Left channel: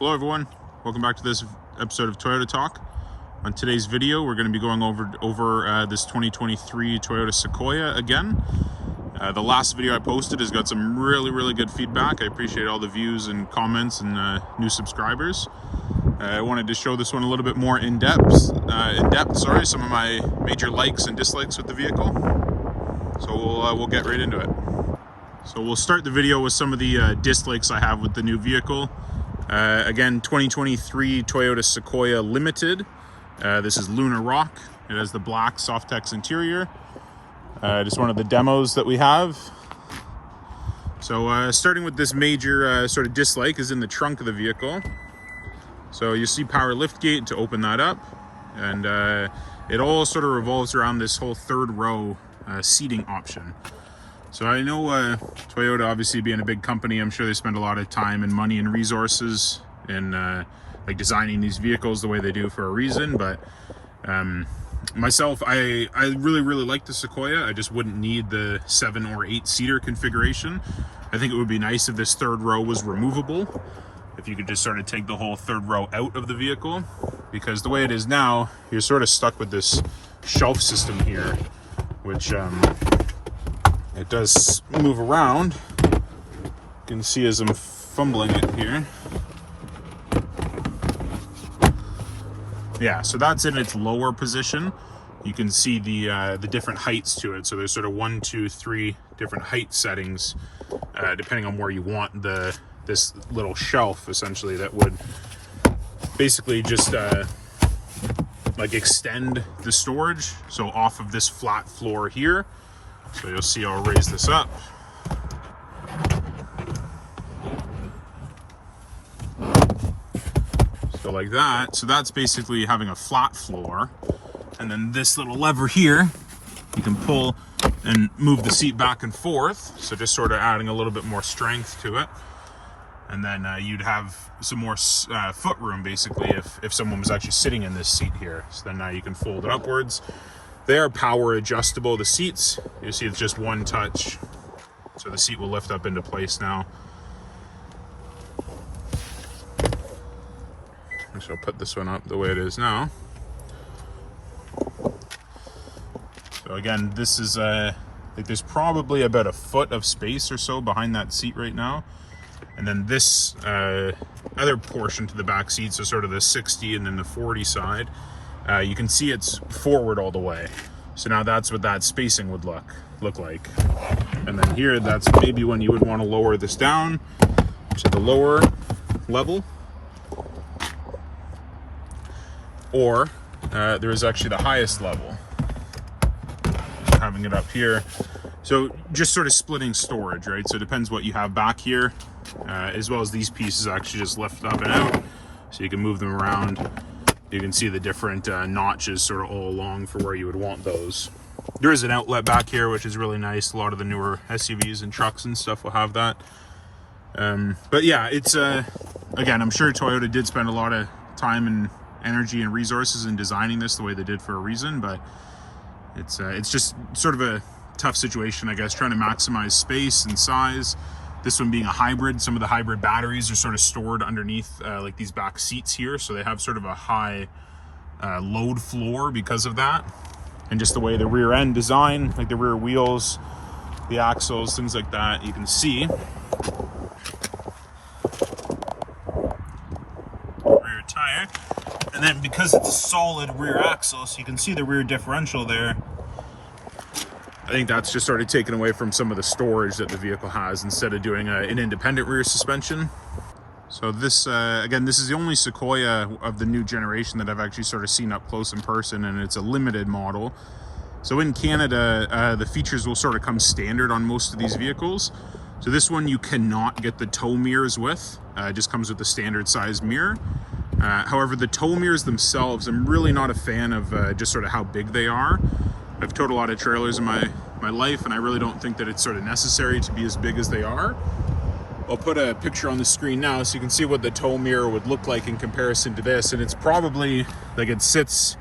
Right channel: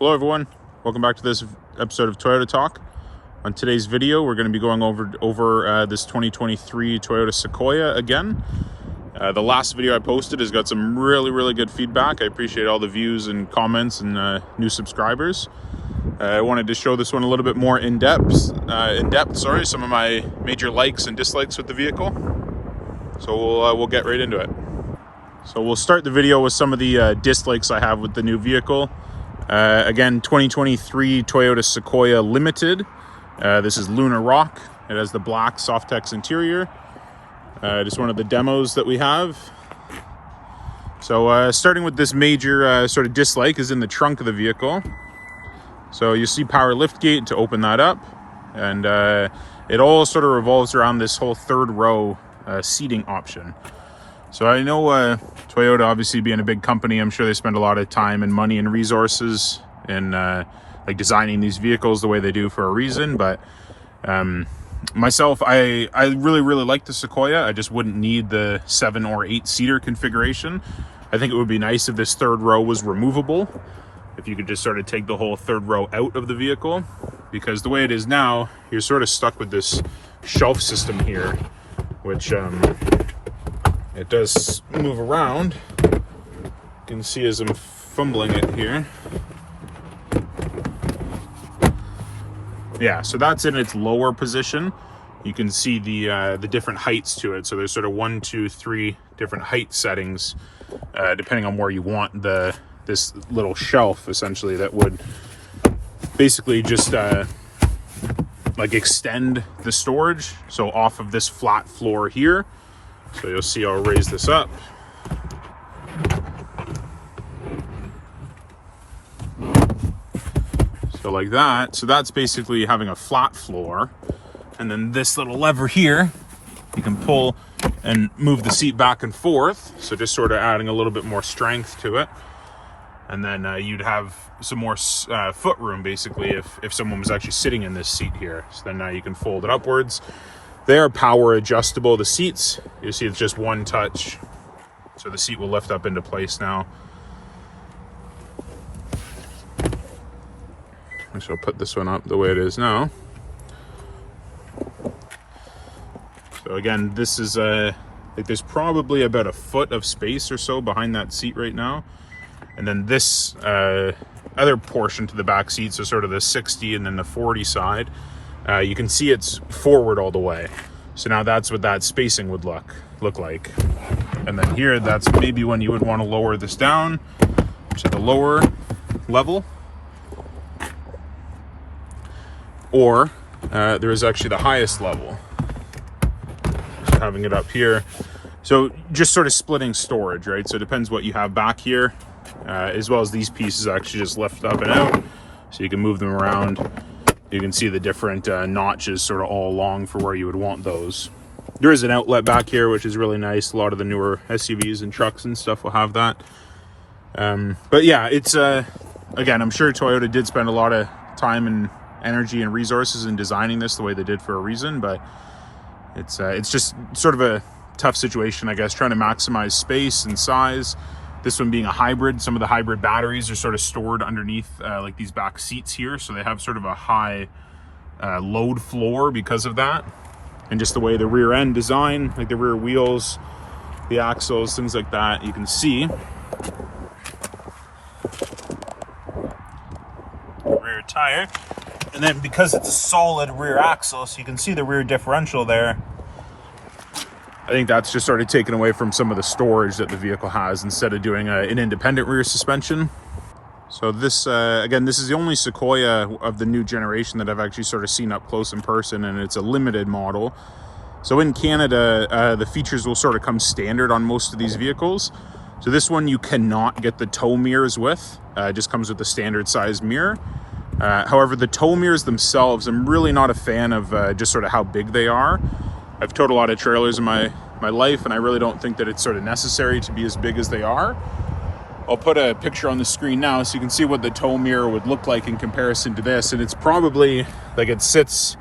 Hello everyone, welcome back to this episode of Toyota Talk. On today's video, we're going to be going over this 2023 Toyota Sequoia again. The last video I posted has got some really good feedback. I appreciate all the views and comments and new subscribers. I wanted to show this one a little bit more in depth. Some of my major likes and dislikes with the vehicle. So we'll get right into it. So we'll start the video with some of the dislikes I have with the new vehicle. Again, 2023 Toyota Sequoia Limited. This is Lunar Rock. It has the black Softex interior. Just one of the demos that we have. So starting with this major sort of dislike is in the trunk of the vehicle. So you see power lift gate to open that up. And it all sort of revolves around this whole third row seating option. So I know Toyota, obviously being a big company, I'm sure they spend a lot of time and money and resources in like designing these vehicles the way they do for a reason. But myself, I really like the Sequoia. I just wouldn't need the 7 or 8 seater configuration. I think it would be nice if this third row was removable. If you could just sort of take the whole third row out of the vehicle, because the way it is now, you're sort of stuck with this shelf system here, which it does move around. You can see as I'm fumbling it here. Yeah, so that's in its lower position. You can see the different heights to it. So there's sort of 1, 2, 3 different height settings, depending on where you want this little shelf, essentially, that would basically just like extend the storage. So off of this flat floor here. So you'll see I'll raise this up. So like that. So that's basically having a flat floor. And then this little lever here, you can pull and move the seat back and forth. So just sort of adding a little bit more strength to it. And then you'd have some more foot room, basically, if someone was actually sitting in this seat here. So then now you can fold it upwards. They're power adjustable, the seats. You see it's just one touch. So the seat will lift up into place now. I shall put this one up the way it is now. So again, this is like there's probably about a foot of space or so behind that seat right now. And then this other portion to the back seat, so sort of the 60 and then the 40 side, you can see it's forward all the way. So now that's what that spacing would look like. And then here, that's maybe when you would want to lower this down to the lower level. Or there is actually the highest level. So having it up here. So just sort of splitting storage, right? So it depends what you have back here, as well as these pieces actually just lift up and out. So you can move them around. You can see the different notches sort of all along for where you would want those. There is an outlet back here, which is really nice. A lot of the newer SUVs and trucks and stuff will have that. But yeah, it's, again, I'm sure Toyota did spend a lot of time and energy and resources in designing this the way they did for a reason, but it's just sort of a tough situation, I guess, trying to maximize space and size. This one being a hybrid, some of the hybrid batteries are sort of stored underneath like these back seats here. So they have sort of a high load floor because of that. And just the way the rear end design, like the rear wheels, the axles, things like that, you can see. Rear tire. And then because it's a solid rear axle, so you can see the rear differential there. I think that's just sort of taken away from some of the storage that the vehicle has instead of doing an independent rear suspension. So this, again, this is the only Sequoia of the new generation that I've actually sort of seen up close in person, and it's a limited model. So in Canada, the features will sort of come standard on most of these vehicles. So this one you cannot get the tow mirrors with. It just comes with the standard size mirror. However, the tow mirrors themselves, I'm really not a fan of just sort of how big they are. I've towed a lot of trailers in my life, and I really don't think that it's sort of necessary to be as big as they are. I'll put a picture on the screen now so you can see what the tow mirror would look like in comparison to this. And it's probably, like, it sits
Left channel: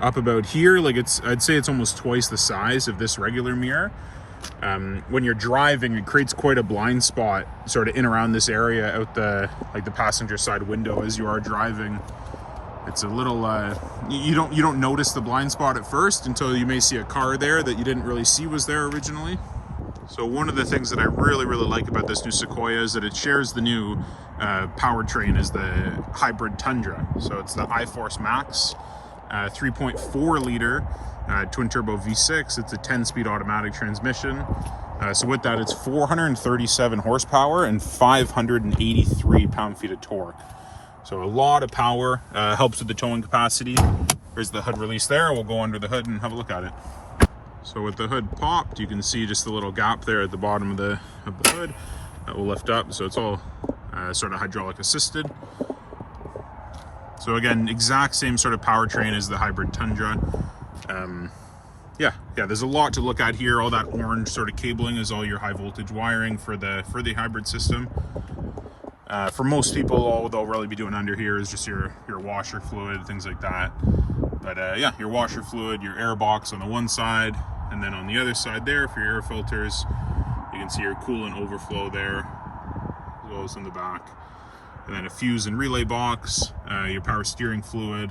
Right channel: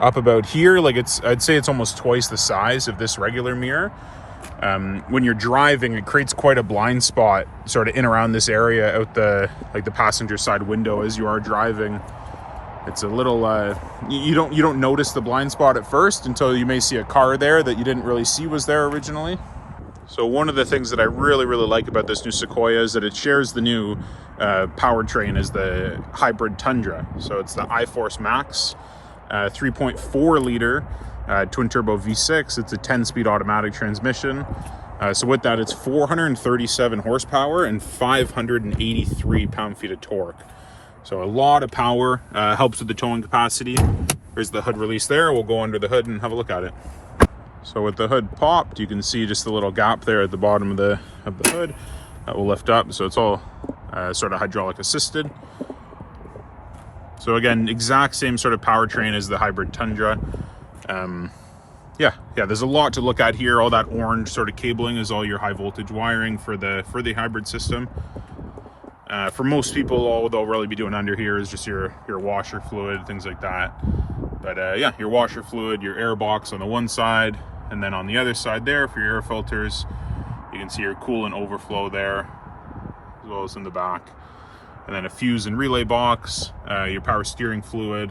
up about here. Like I'd say it's almost twice the size of this regular mirror. when you're driving, it creates quite a blind spot sort of in around this area out the passenger side window as you are driving. It's a little you don't notice the blind spot at first until you may see a car there that you didn't really see was there originally. So one of the things that I really like about this new Sequoia is that it shares the new powertrain as the hybrid Tundra. So it's the iForce Max 3.4 liter twin turbo V6. It's a 10-speed automatic transmission. So with that, it's 437 horsepower and 583 pound-feet of torque. So a lot of power, helps with the towing capacity. There's the hood release there. We'll go under the hood and have a look at it. So with the hood popped, you can see just a little gap there at the bottom of the hood that will lift up. So it's all sort of hydraulic assisted. So again, exact same sort of powertrain as the hybrid Tundra. Yeah, there's a lot to look at here. All that orange sort of cabling is all your high voltage wiring for the hybrid system. For most people, all they'll really be doing under here is just your washer fluid, things like that. But yeah, your washer fluid, your air box on the one side, and then on the other side there for your air filters, you can see your coolant overflow there, as well as in the back. And then a fuse and relay box, your power steering fluid.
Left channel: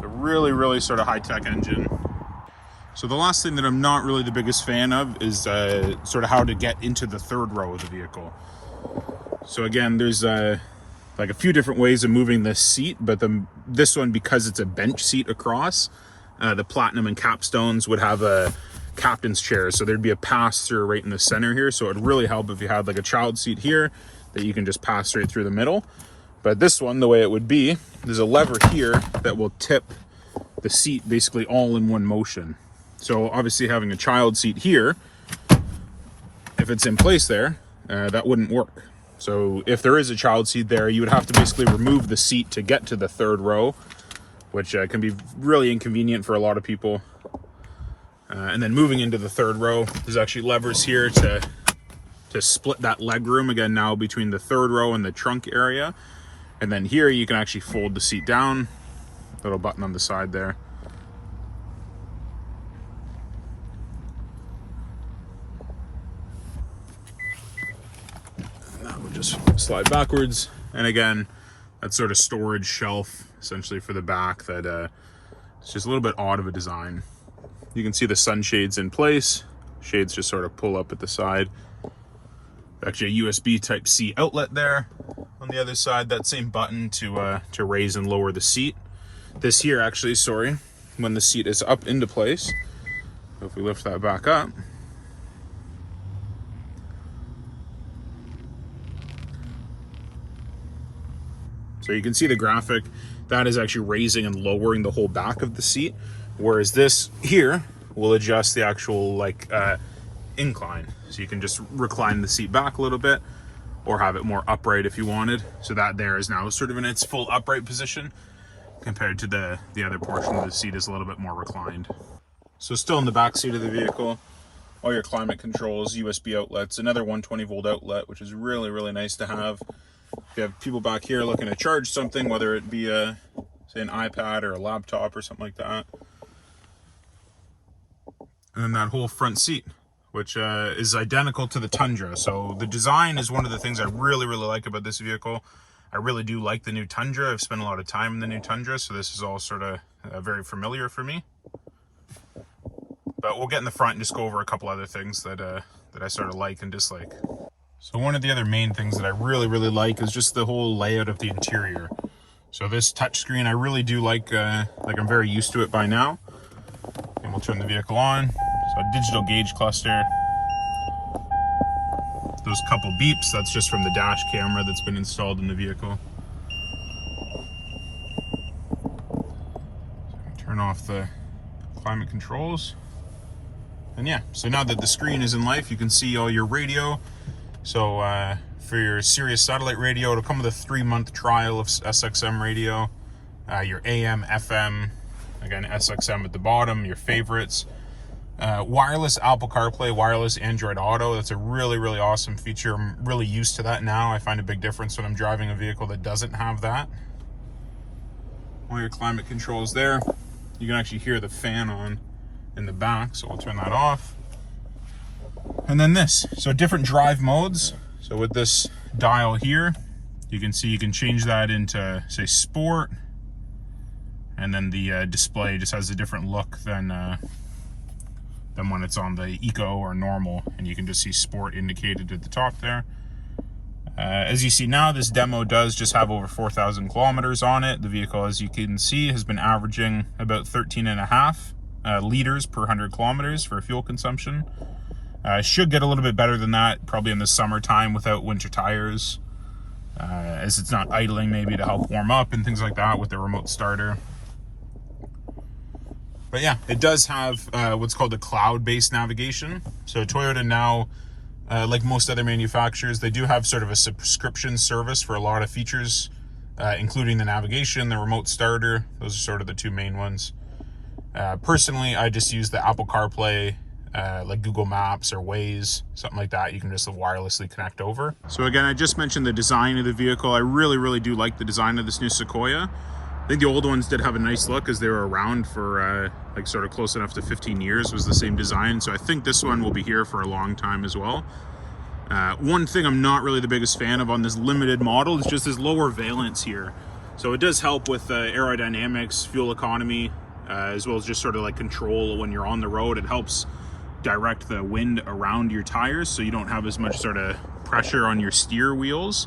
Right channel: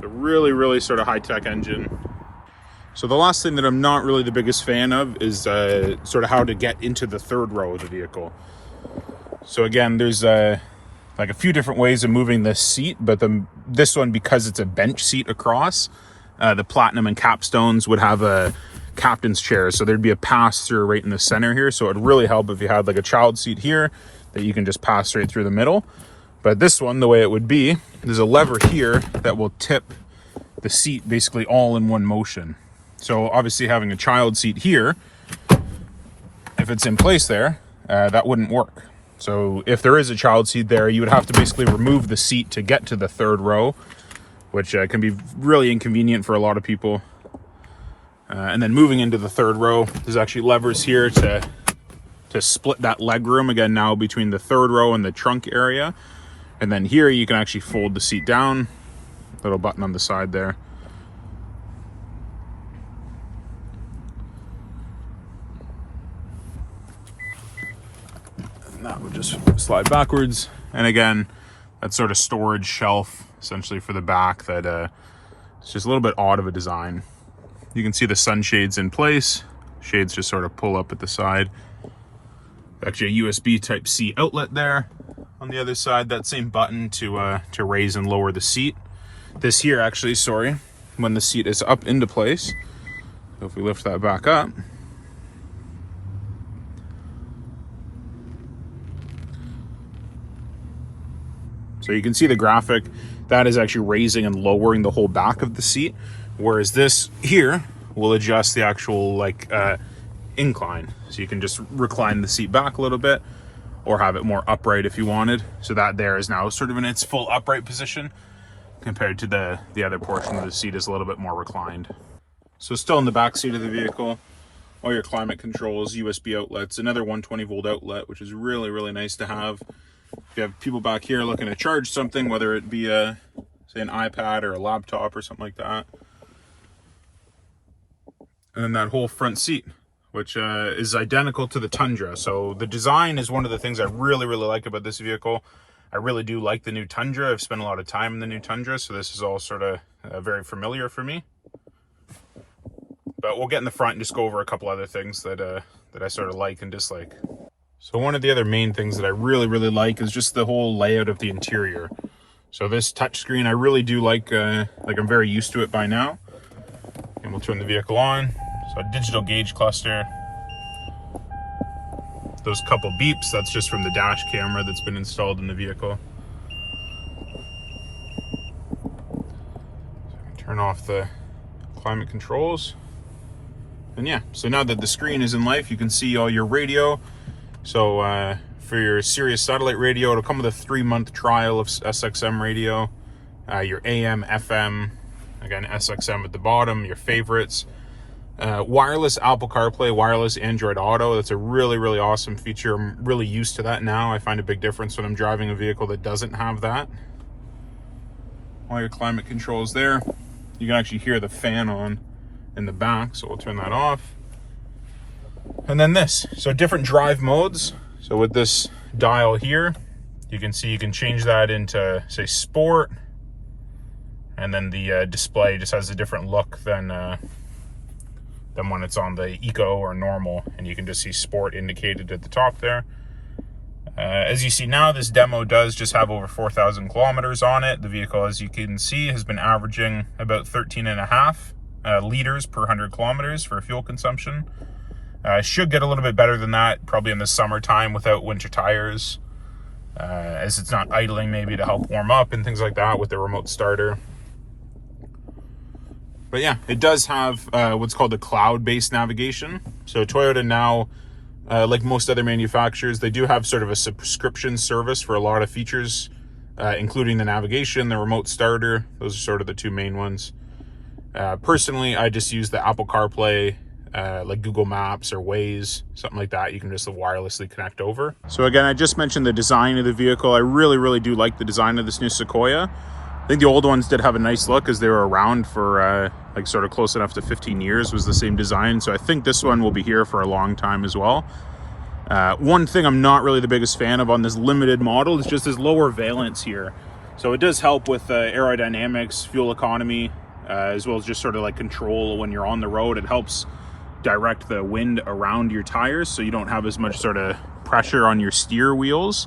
So really sort of high-tech engine. So the last thing that I'm not really the biggest fan of is sort of how to get into the third row of the vehicle. So again, there's like a few different ways of moving this seat, but this one, because it's a bench seat across, the Platinum and Capstones would have a captain's chair. So there'd be a pass-through right in the center here. So it'd really help if you had like a child seat here that you can just pass right through the middle. But this one, the way it would be, there's a lever here that will tip the seat basically all in one motion. So obviously having a child seat here, if it's in place there, that wouldn't work. So if there is a child seat there, you would have to basically remove the seat to get to the third row, which can be really inconvenient for a lot of people. And then moving into the third row, there's actually levers here to split that leg room again now between the third row and the trunk area. And then here you can actually fold the seat down, little button on the side there. That would just slide backwards. And again, that sort of storage shelf essentially for the back that it's just a little bit odd of a design. You can see the sunshades in place. Shades just sort of pull up at the side. Actually a USB type C outlet there. On the other side, that same button to raise and lower the seat. This here actually, sorry, when the seat is up into place. So if we lift that back up, so you can see the graphic, that is actually raising and lowering the whole back of the seat. Whereas this here will adjust the actual incline. So you can just recline the seat back a little bit or have it more upright if you wanted. So that there is now sort of in its full upright position compared to the other portion of the seat is a little bit more reclined. So still in the back seat of the vehicle, all your climate controls, USB outlets, another 120 volt outlet, which is really nice to have. If you have people back here looking to charge something, whether it be say an iPad or a laptop or something like that. And then that whole front seat, which is identical to the Tundra. So the design is one of the things I really like about this vehicle. I really do like the new Tundra. I've spent a lot of time in the new Tundra, so this is all sort of very familiar for me. But we'll get in the front and just go over a couple other things that I sort of like and dislike. So one of the other main things that I really like is just the whole layout of the interior. So this touchscreen, I really do like I'm very used to it by now. And we'll turn the vehicle on. So a digital gauge cluster. Those couple beeps, that's just from the dash camera that's been installed in the vehicle. Turn off the climate controls. And yeah, so now that the screen is in life, you can see all your radio. So for your Sirius satellite radio, it'll come with a 3-month trial of SXM radio. Your AM, FM, again, SXM at the bottom, your favorites. Wireless Apple CarPlay, wireless Android Auto. That's a really awesome feature. I'm really used to that now. I find a big difference when I'm driving a vehicle that doesn't have that. All your climate controls there. You can actually hear the fan on in the back, so we'll turn that off. And then this, so different drive modes. So with this dial here, you can see you can change that into, say, sport, and then the display just has a different look than when it's on the eco or normal, and you can just see sport indicated at the top there. As you see now, this demo does just have over 4,000 kilometers on it. The vehicle, as you can see, has been averaging about 13.5 liters per 100 kilometers for fuel consumption. Should get a little bit better than that, probably in the summertime without winter tires, as it's not idling maybe to help warm up and things like that with the remote starter. But yeah, it does have what's called a cloud-based navigation. So Toyota now, like most other manufacturers, they do have sort of a subscription service for a lot of features, including the navigation, the remote starter. Those are sort of the two main ones. Personally, I just use the Apple CarPlay, like Google Maps or Waze, something like that. You can just wirelessly connect over. So again, I just mentioned the design of the vehicle. I really do like the design of this new Sequoia. I think the old ones did have a nice look, as they were around for like sort of close enough to 15 years, was the same design. So I think this one will be here for a long time as well. One thing I'm not really the biggest fan of on this limited model is just this lower valence here. So it does help with aerodynamics, fuel economy, as well as just sort of like control when you're on the road. It helps direct the wind around your tires, so you don't have as much sort of pressure on your steer wheels.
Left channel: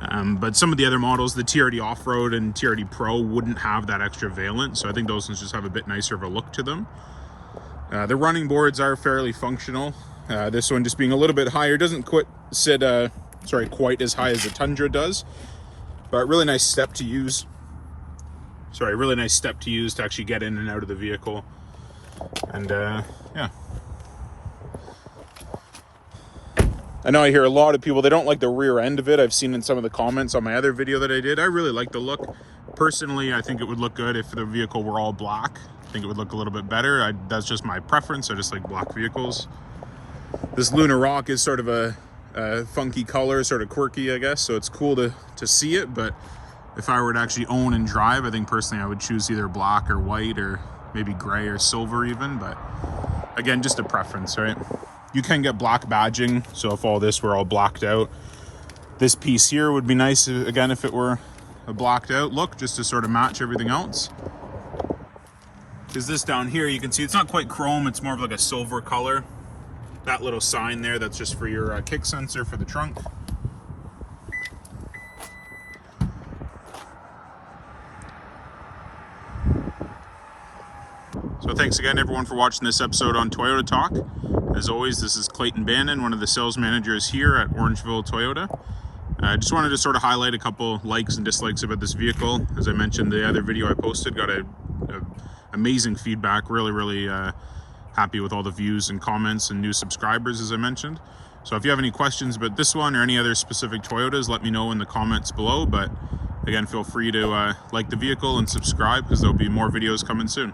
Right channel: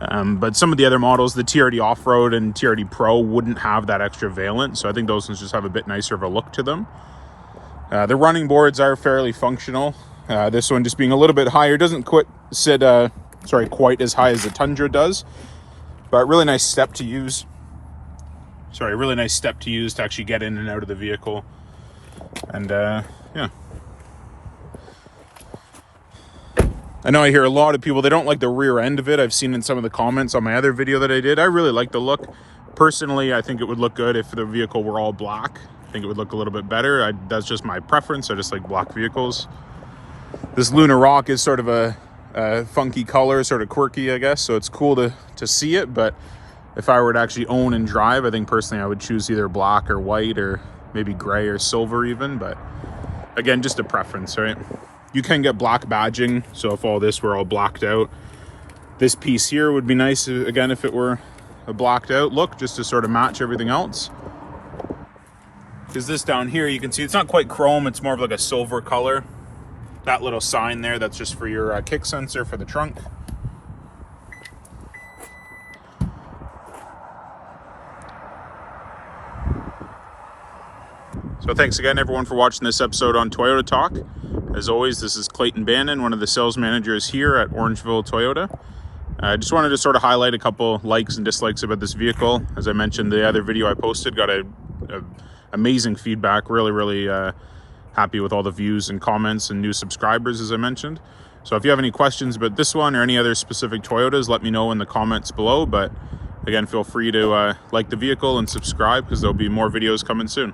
But some of the other models, the TRD Off-Road and TRD Pro, wouldn't have that extra valence, so I think those ones just have a bit nicer of a look to them. The running boards are fairly functional. This one just being a little bit higher, doesn't quite as high as the Tundra does, but really nice step to use. Really nice step to use to actually get in and out of the vehicle. And yeah. I know I hear a lot of people, they don't like the rear end of it. I've seen in some of the comments on my other video that I did. I really like the look. Personally, I think it would look good if the vehicle were all black. I think it would look a little bit better. That's just my preference. I just like black vehicles. This Luna Rock is sort of a funky color, sort of quirky, I guess. So it's cool to see it. But if I were to actually own and drive, I think personally I would choose either black or white, or maybe gray or silver even. But again, just a preference, right? You can get black badging, so if all this were all blacked out, this piece here would be nice, again, if it were a blacked out look, just to sort of match everything else. Because this down here, you can see it's not quite chrome, it's more of like a silver color. That little sign there, that's just for your kick sensor for the trunk. So thanks again, everyone, for watching this episode on Toyota Talk. As always, this is Clayton Bannon, one of the sales managers here at Orangeville Toyota. I just wanted to sort of highlight a couple likes and dislikes about this vehicle. As I mentioned, the other video I posted got a amazing feedback. Really happy with all the views and comments and new subscribers, as I mentioned. So if you have any questions about this one or any other specific Toyotas, let me know in the comments below. But again, feel free to like the vehicle and subscribe, because there'll be more videos coming soon.